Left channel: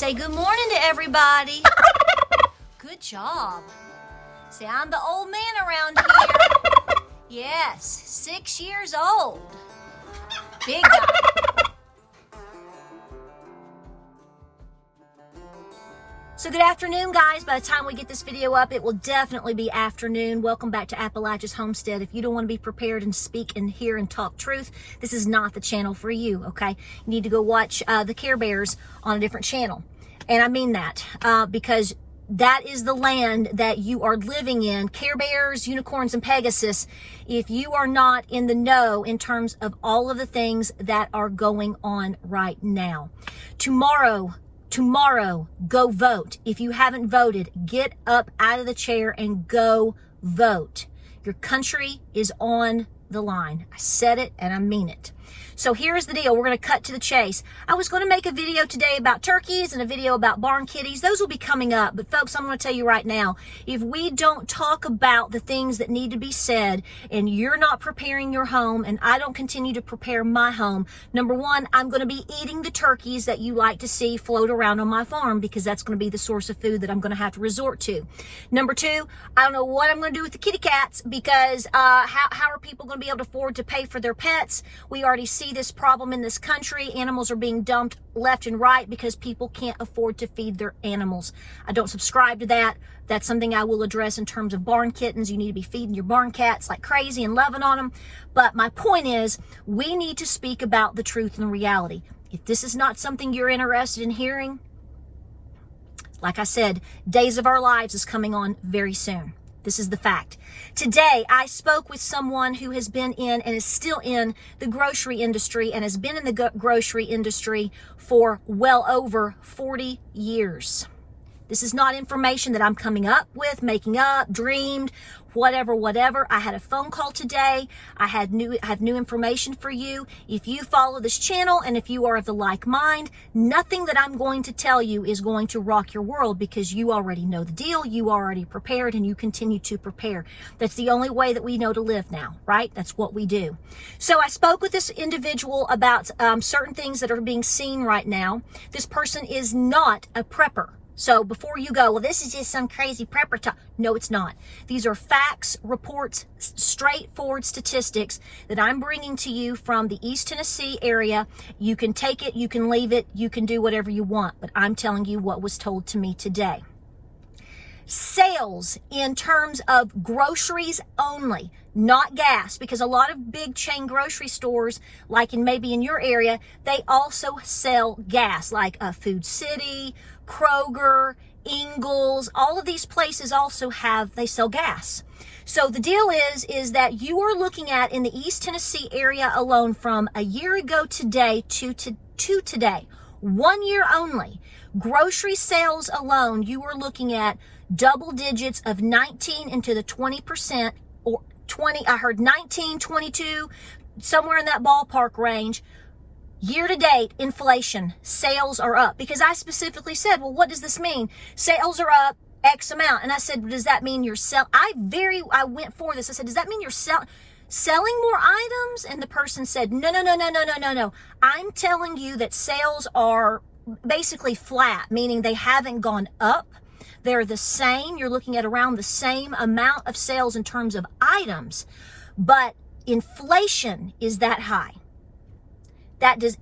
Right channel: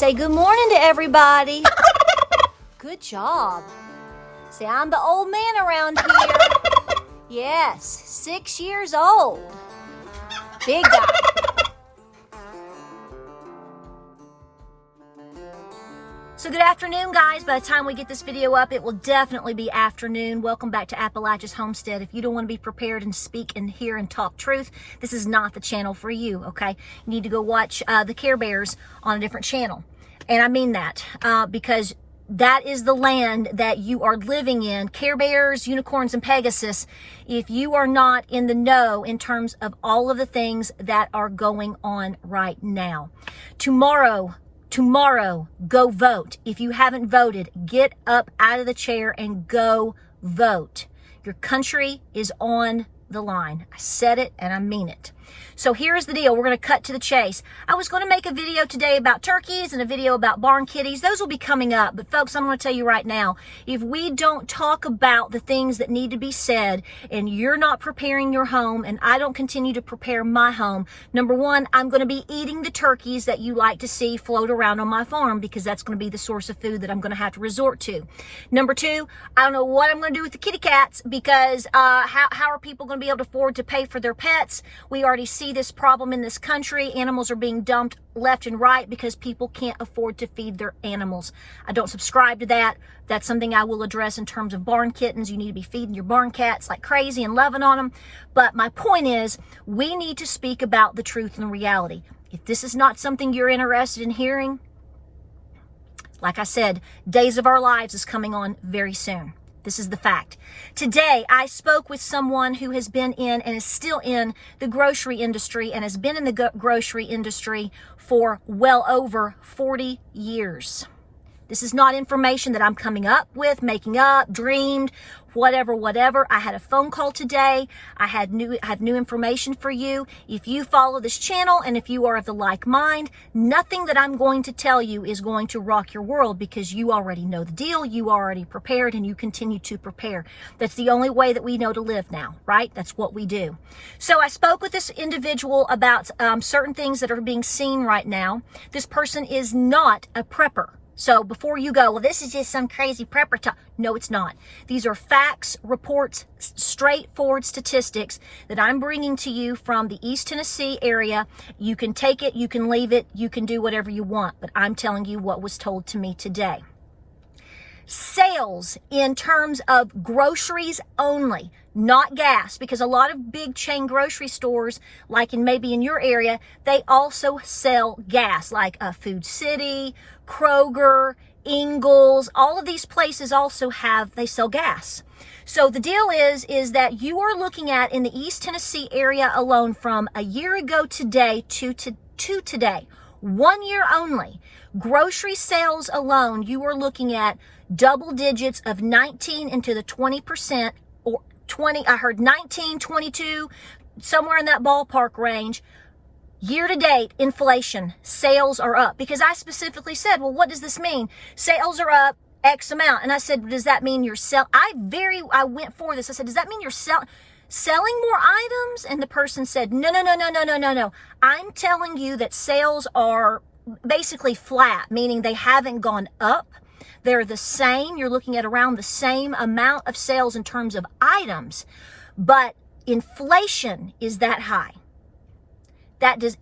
Say good morning to everybody. Good job. See, I'm the old man around here. Yes, 6 years old. Big guy. So good afternoon, guys. By the time we get this video up, it will definitely be afternoon. Welcome back to Appalachia's Homestead. If you don't want to be prepared and speak and hear and talk truth, this is not the channel for you, okay? You need to go watch the Care Bears on a different channel. And I mean that because that is the land that you are living in. Care Bears, unicorns, and Pegasus. If you are not in the know in terms of all of the things that are going on right now. Tomorrow, go vote. If you haven't voted, get up out of the chair and go vote. Your country is on the line. I said it and I mean it. So here's the deal. We're going to cut to the chase. I was going to make a video today about turkeys and a video about barn kitties. Those will be coming up. But folks, I'm going to tell you right now, if we don't talk about the things that need to be said and you're not preparing your home and I don't continue to prepare my home, number one, I'm going to be eating the turkeys that you like to see float around on my farm because that's going to be the source of food that I'm going to have to resort to. Number two, I don't know what I'm going to do with the kitty cats because how are people going to be able to afford to pay for their pets? We already see this problem in this country. Animals are being dumped left and right because people can't afford to feed their animals. I don't subscribe to that. That's something I will address in terms of barn kittens. You need to be feeding your barn cats like crazy and loving on them. But my point is, we need to speak about the truth and reality. If this is not something you're interested in hearing, like I said, Days of Our Lives is coming on very soon. This is the fact. Today, I spoke with someone who has been in and is still in the grocery industry and has been in the grocery industry for well over 40 years. This is not information that I'm coming up with, making up, dreamed, whatever. I had a phone call today. I have new information for you. If you follow this channel and if you are of the like mind, nothing that I'm going to tell you is going to rock your world because you already know the deal. You already prepared and you continue to prepare. That's the only way that we know to live now, right? That's what we do. So I spoke with this individual about certain things that are being seen right now. This person is not a prepper. So before you go, well, this is just some crazy prepper talk. No, it's not. These are facts, reports, straightforward statistics that I'm bringing to you from the East Tennessee area. You can take it, you can leave it, you can do whatever you want, but I'm telling you what was told to me today. Sales in terms of groceries only, not gas, because a lot of big chain grocery stores, like maybe in your area, they also sell gas, like Food City, Kroger, Ingles, all of these places also they sell gas. So the deal is that you are looking at in the East Tennessee area alone from a year ago today to today, 1 year only, grocery sales alone, you are looking at double digits of 19 into the 20% or 20, I heard 19, 22, somewhere in that ballpark range. Year to date, inflation, sales are up. Because I specifically said, well, what does this mean? Sales are up X amount. And I said, does that mean you're I went for this. I said, does that mean you're selling more items? And the person said, no. I'm telling you that sales are basically flat, meaning they haven't gone up. They're the same. You're looking at around the same amount of sales in terms of items, but inflation is that high.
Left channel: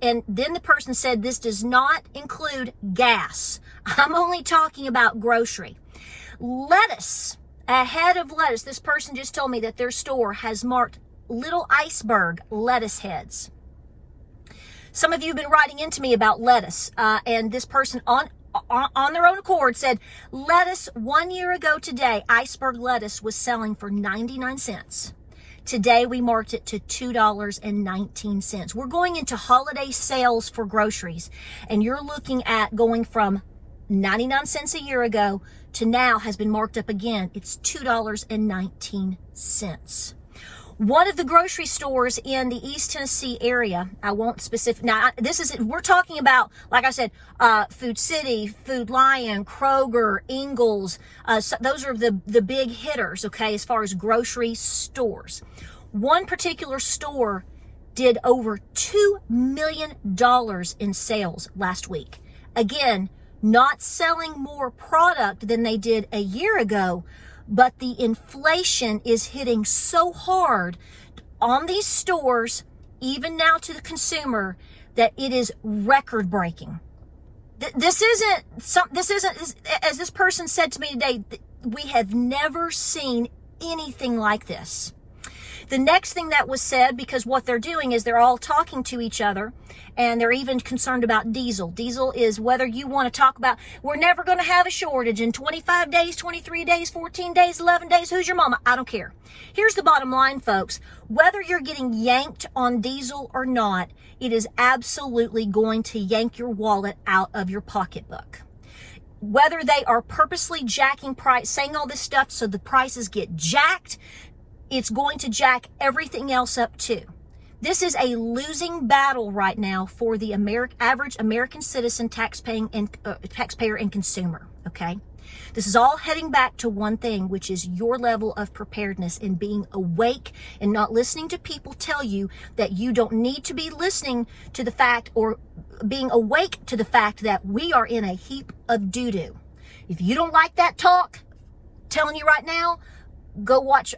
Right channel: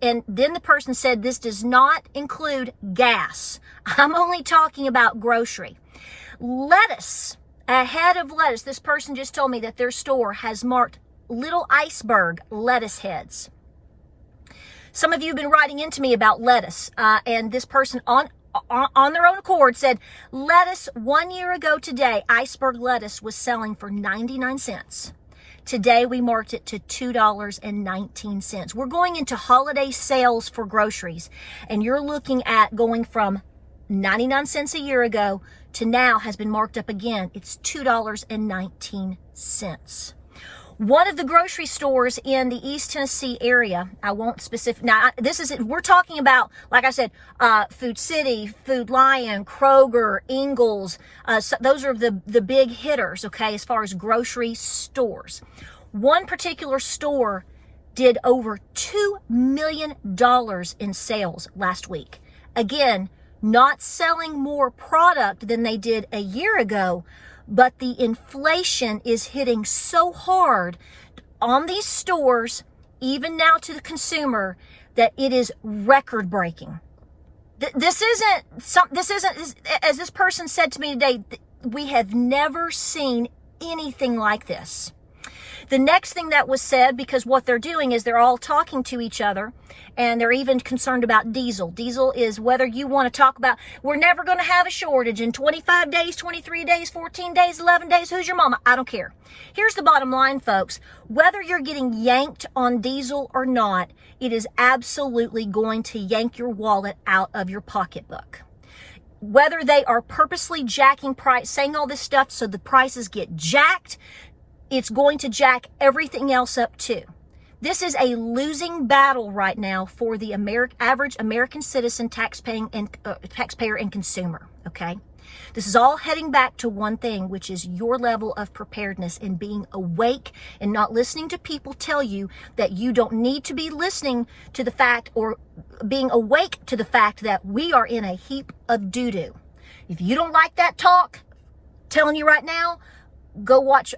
And then the person said, this does not include gas. I'm only talking about grocery. Lettuce, a head of lettuce. This person just told me that their store has marked little iceberg lettuce heads. Some of you have been writing into me about lettuce, and this person on their own accord said, lettuce 1 year ago today, iceberg lettuce was selling for 99 cents. Today, we marked it to $2.19. We're going into holiday sales for groceries, and you're looking at going from 99 cents a year ago to now has been marked up again. It's $2.19. One of the grocery stores in the East Tennessee area, I won't specific. Now, we're talking about, like I said, Food City, Food Lion, Kroger, Ingles. So those are the big hitters, okay, as far as grocery stores. One particular store did over $2 million in sales last week. Again, not selling more product than they did a year ago, but the inflation is hitting so hard on these stores, even now to the consumer, that it is record breaking. This isn't, as this person said to me today, we have never seen anything like this. The next thing that was said, because what they're doing is they're all talking to each other, and they're even concerned about diesel. Diesel is whether you want to talk about, we're never going to have a shortage in 25 days, 23 days, 14 days, 11 days. Who's your mama? I don't care. Here's the bottom line, folks. Whether you're getting yanked on diesel or not, it is absolutely going to yank your wallet out of your pocketbook. Whether they are purposely jacking price, saying all this stuff so the prices get jacked, it's going to jack everything else up too. This is a losing battle right now for the average American citizen, taxpayer and consumer, okay? This is all heading back to one thing, which is your level of preparedness and being awake and not listening to people tell you that you don't need to be listening to the fact, or being awake to the fact that we are in a heap of doo-doo. If you don't like that talk, telling you right now, go watch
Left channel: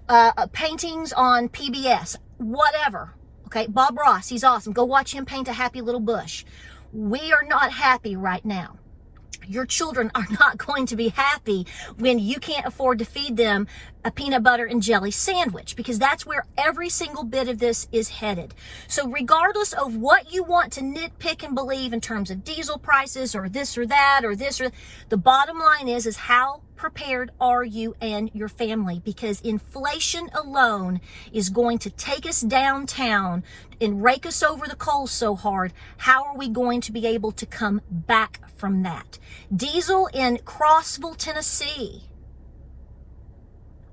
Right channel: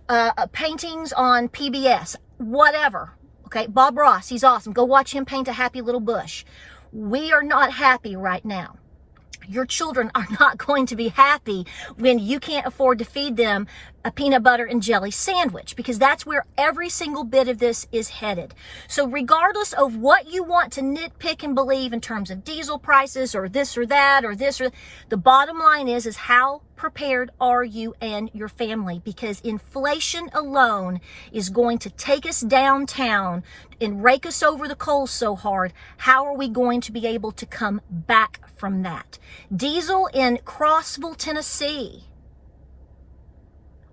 paintings on PBS, whatever. Okay, Bob Ross, he's awesome. Go watch him paint a happy little bush. We are not happy right now. Your children are not going to be happy when you can't afford to feed them a peanut butter and jelly sandwich, because that's where every single bit of this is headed. So regardless of what you want to nitpick and believe in terms of diesel prices or this or that or this or the bottom line is how prepared are you and your family? Because inflation alone is going to take us downtown and rake us over the coals so hard. How are we going to be able to come back from that? Diesel in Crossville, Tennessee,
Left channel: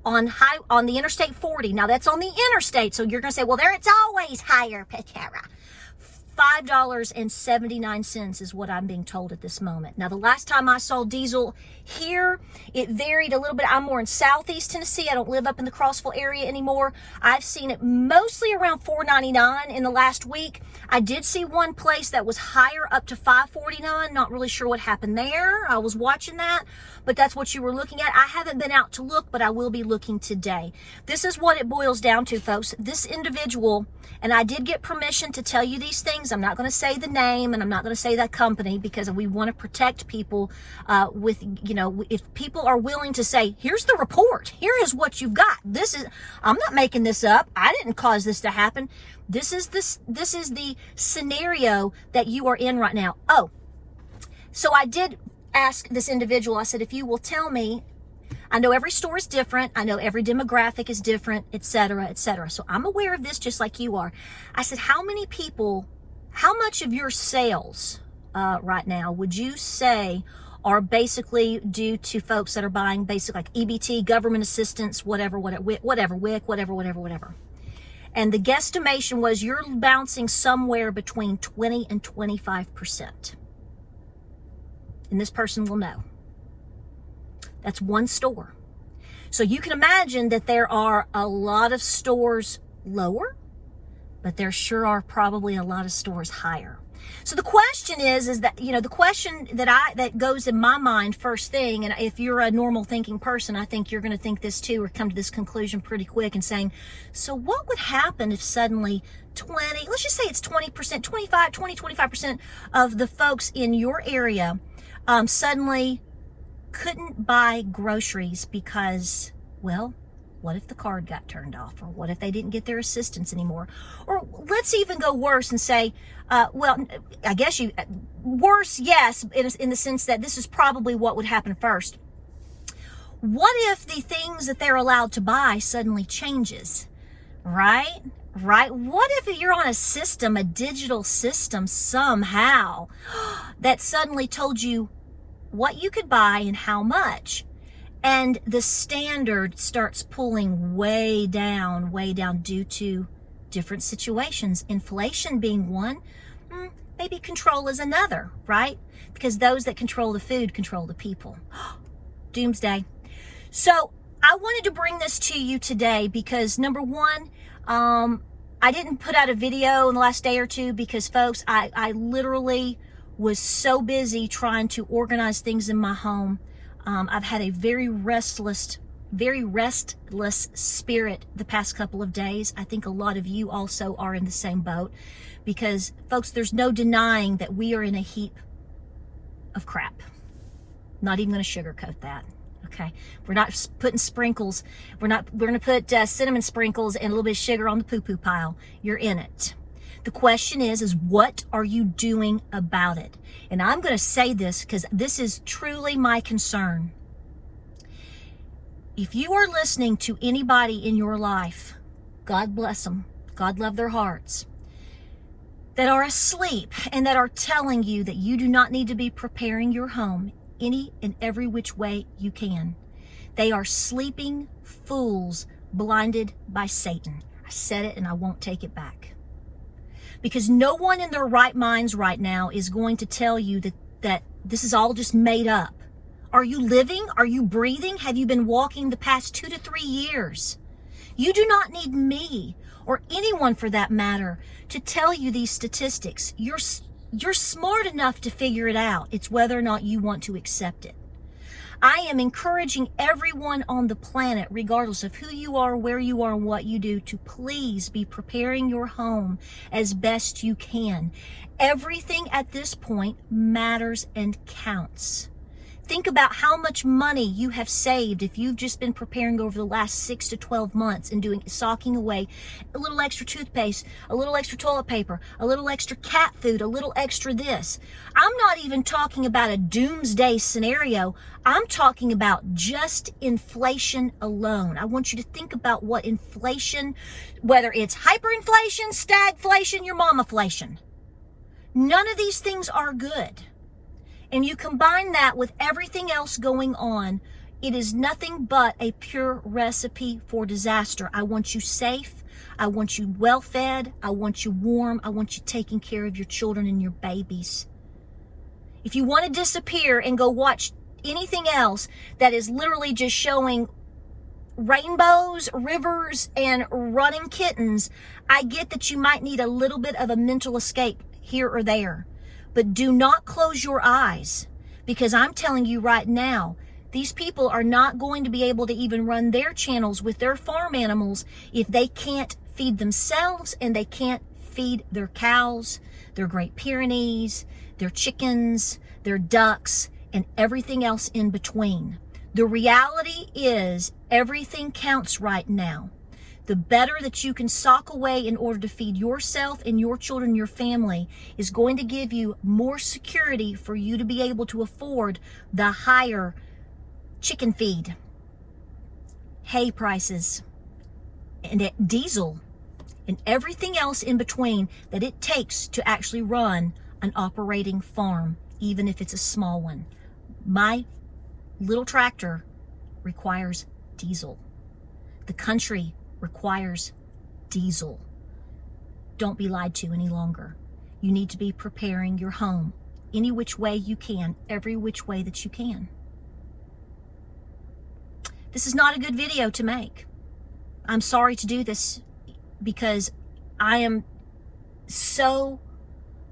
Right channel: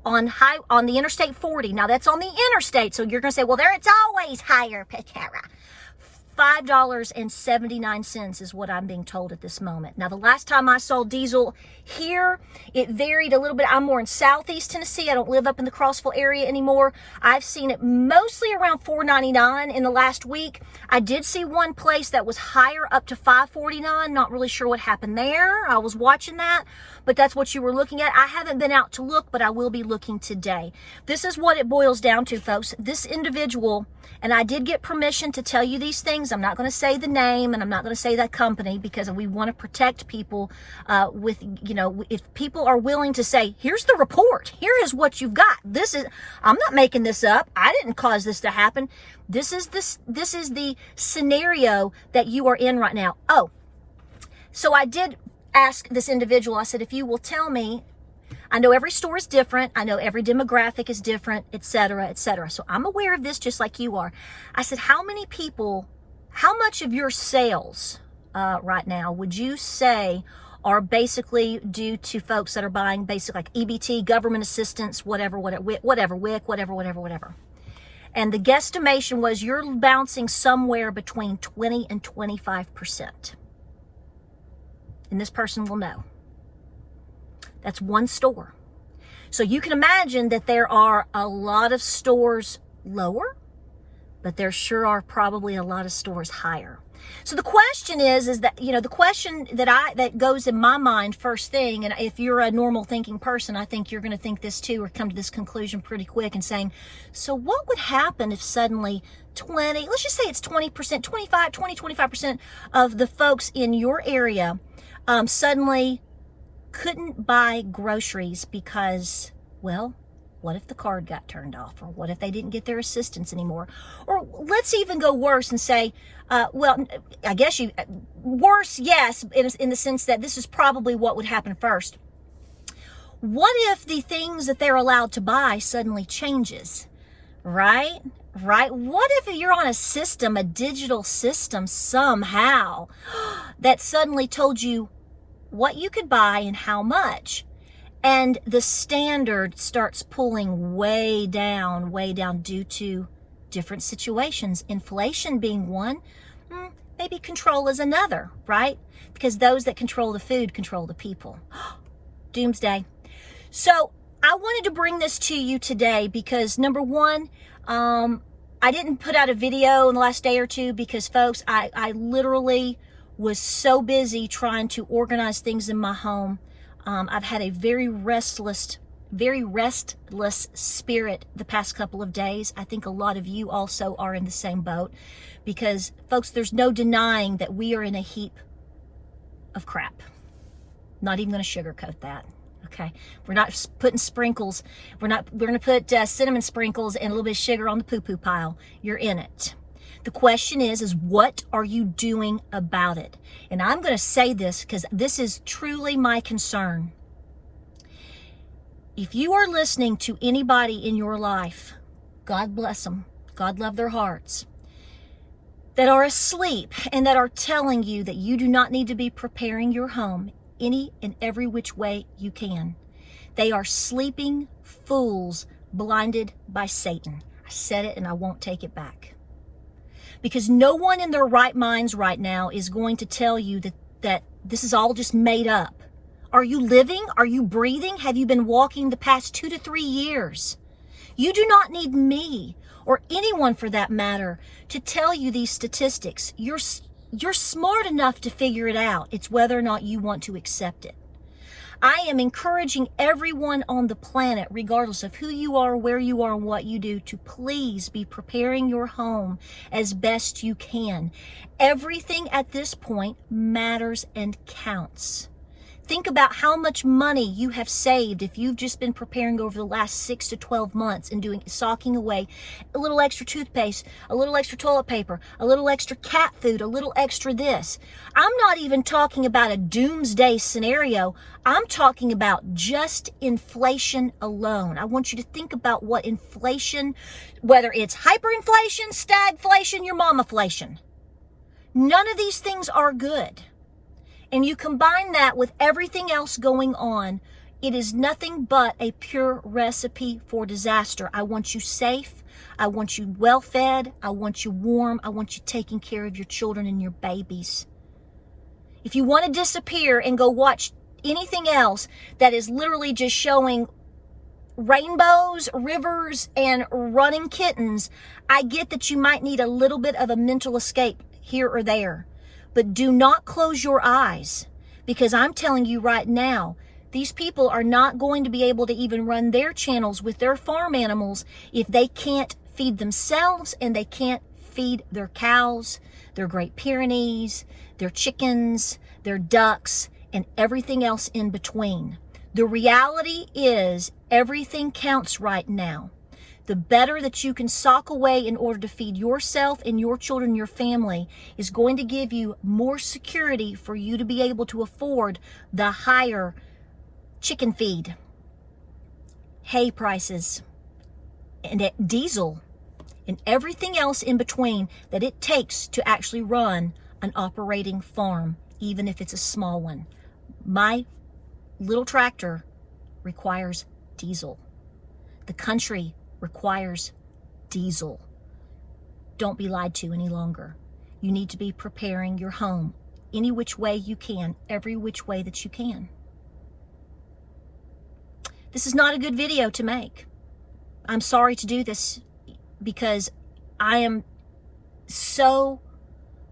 on the Interstate 40. Now that's on the interstate, so you're going to say, well, there it's always higher, Petera. $5.79 is what I'm being told at this moment. Now, the last time I saw diesel here, it varied a little bit. I'm more in Southeast Tennessee. I don't live up in the Crossville area anymore. I've seen it mostly around $4.99 in the last week. I did see one place that was higher, up to $5.49. Not really sure what happened there. I was watching that, but that's what you were looking at. I haven't been out to look, but I will be looking today. This is what it boils down to, folks. This individual, and I did get permission to tell you these things. I'm not going to say the name, and I'm not going to say that company, because we want to protect people with, if people are willing to say, here's the report, here is what you've got. I'm not making this up. I didn't cause this to happen. This is the scenario that you are in right now. Oh, so I did ask this individual, I said, if you will tell me, I know every store is different. I know every demographic is different, et cetera, et cetera. So I'm aware of this just like you are. I said, how much of your sales right now would you say are basically due to folks that are buying basic, like EBT, government assistance, whatever. And the guesstimation was you're bouncing somewhere between 20 and 25%. And this person will know. That's one store. So you can imagine that there are a lot of stores lower, but there sure are probably a lot of stores higher. So the question is that, the question that goes in my mind first thing, and if you're a normal thinking person, I think you're going to think this too, or come to this conclusion pretty quick and saying, so what would happen if suddenly let's just say it's 20%, 25% of the folks in your area suddenly couldn't buy groceries because, well, what if the card got turned off? Or what if they didn't get their assistance anymore? Or let's even go worse and say, I guess worse, yes, in the sense that this is probably what would happen first. What if the things that they're allowed to buy suddenly changes, right? What if you're on a system, a digital system somehow, that suddenly told you what you could buy and how much, and the standard starts pulling way down due to different situations, inflation being one, maybe control is another, right? Because those that control the food control the people. Doomsday. So I wanted to bring this to you today because, number one, I didn't put out a video in the last day or two because, folks, I literally was so busy trying to organize things in my home. I've had a very restless spirit the past couple of days. I think a lot of you also are in the same boat, because folks, there's no denying that we are in a heap of crap. Not even going to sugarcoat that. Okay, we're not putting sprinkles. We're going to put cinnamon sprinkles and a little bit of sugar on the poo-poo pile. You're in it. The question is what are you doing about it? And I'm going to say this because this is truly my concern. If you are listening to anybody in your life, God bless them, God love their hearts, that are asleep and that are telling you that you do not need to be preparing your home any and every which way you can, they are sleeping fools blinded by Satan. I said it and I won't take it back. Because no one in their right minds right now is going to tell you that this is all just made up. Are you living? Are you breathing? Have you been walking the past 2 to 3 years? You do not need me, or anyone for that matter, to tell you these statistics. You're smart enough to figure it out. It's whether or not you want to accept it. I am encouraging everyone on the planet, regardless of who you are, where you are, and what you do, to please be preparing your home as best you can. Everything at this point matters and counts. Think about how much money you have saved if you've just been preparing over the last 6 to 12 months and socking away a little extra toothpaste, a little extra toilet paper, a little extra cat food, a little extra this. I'm not even talking about a doomsday scenario. I'm talking about just inflation alone. I want you to think about what inflation, whether it's hyperinflation, stagflation, your mamaflation. None of these things are good. And you combine that with everything else going on, it is nothing but a pure recipe for disaster. I want you safe. I want you well fed. I want you warm. I want you taking care of your children and your babies. If you want to disappear and go watch anything else that is literally just showing rainbows, rivers, and running kittens, I get that you might need a little bit of a mental escape here or there. But do not close your eyes, because I'm telling you right now, these people are not going to be able to even run their channels with their farm animals if they can't feed themselves and they can't feed their cows, their Great Pyrenees, their chickens, their ducks, and everything else in between. The reality is everything counts right now. The better that you can sock away in order to feed yourself and your children, your family, is going to give you more security for you to be able to afford the higher chicken feed, hay prices, and diesel, and everything else in between that it takes to actually run an operating farm, even if it's a small one. My little tractor requires diesel. The country requires diesel. Don't be lied to any longer. You need to be preparing your home any which way you can, every which way that you can. This is not a good video to make. I'm sorry to do this because I am so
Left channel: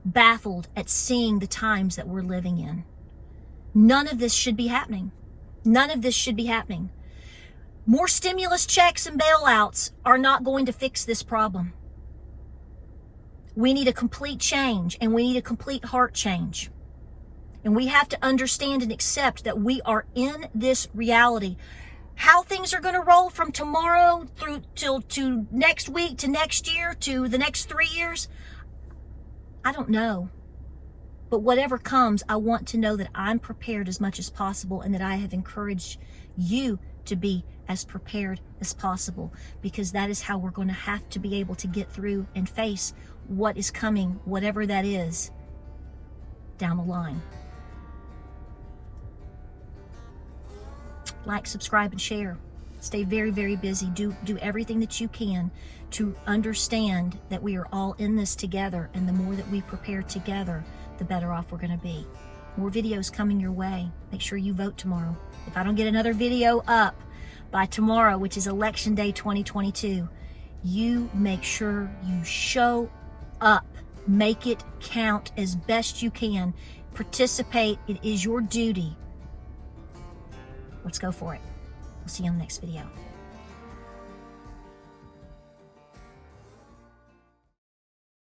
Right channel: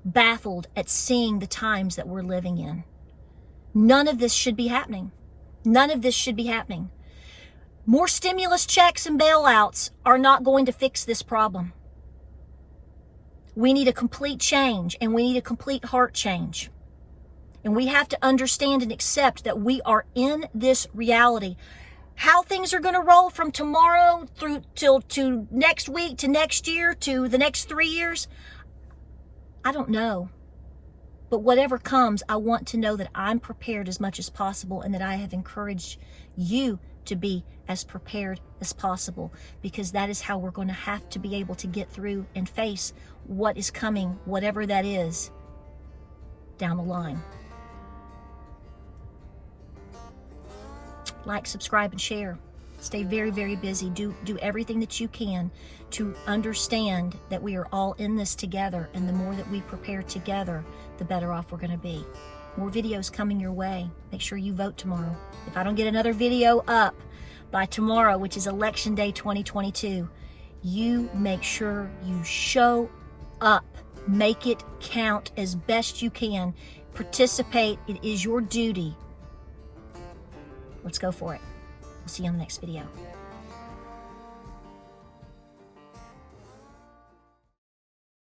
baffled at seeing the times that we're living in. None of this should be happening. None of this should be happening. More stimulus checks and bailouts are not going to fix this problem. We need a complete change, and we need a complete heart change. And we have to understand and accept that we are in this reality. How things are going to roll from tomorrow through to next week, to next year, to the next 3 years, I don't know. But whatever comes, I want to know that I'm prepared as much as possible, and that I have encouraged you to be as prepared as possible, because that is how we're going to have to be able to get through and face what is coming, whatever that is, down the line. Like, subscribe, and share. Stay very, very busy. Do everything that you can to understand that we are all in this together, and the more that we prepare together, the better off we're going to be. More videos coming your way. Make sure you vote tomorrow. If I don't get another video up by tomorrow, which is Election Day 2022, you make sure you show up Make it count as best you can. Participate. It is your duty. Let's go for it. We'll see you on the next video.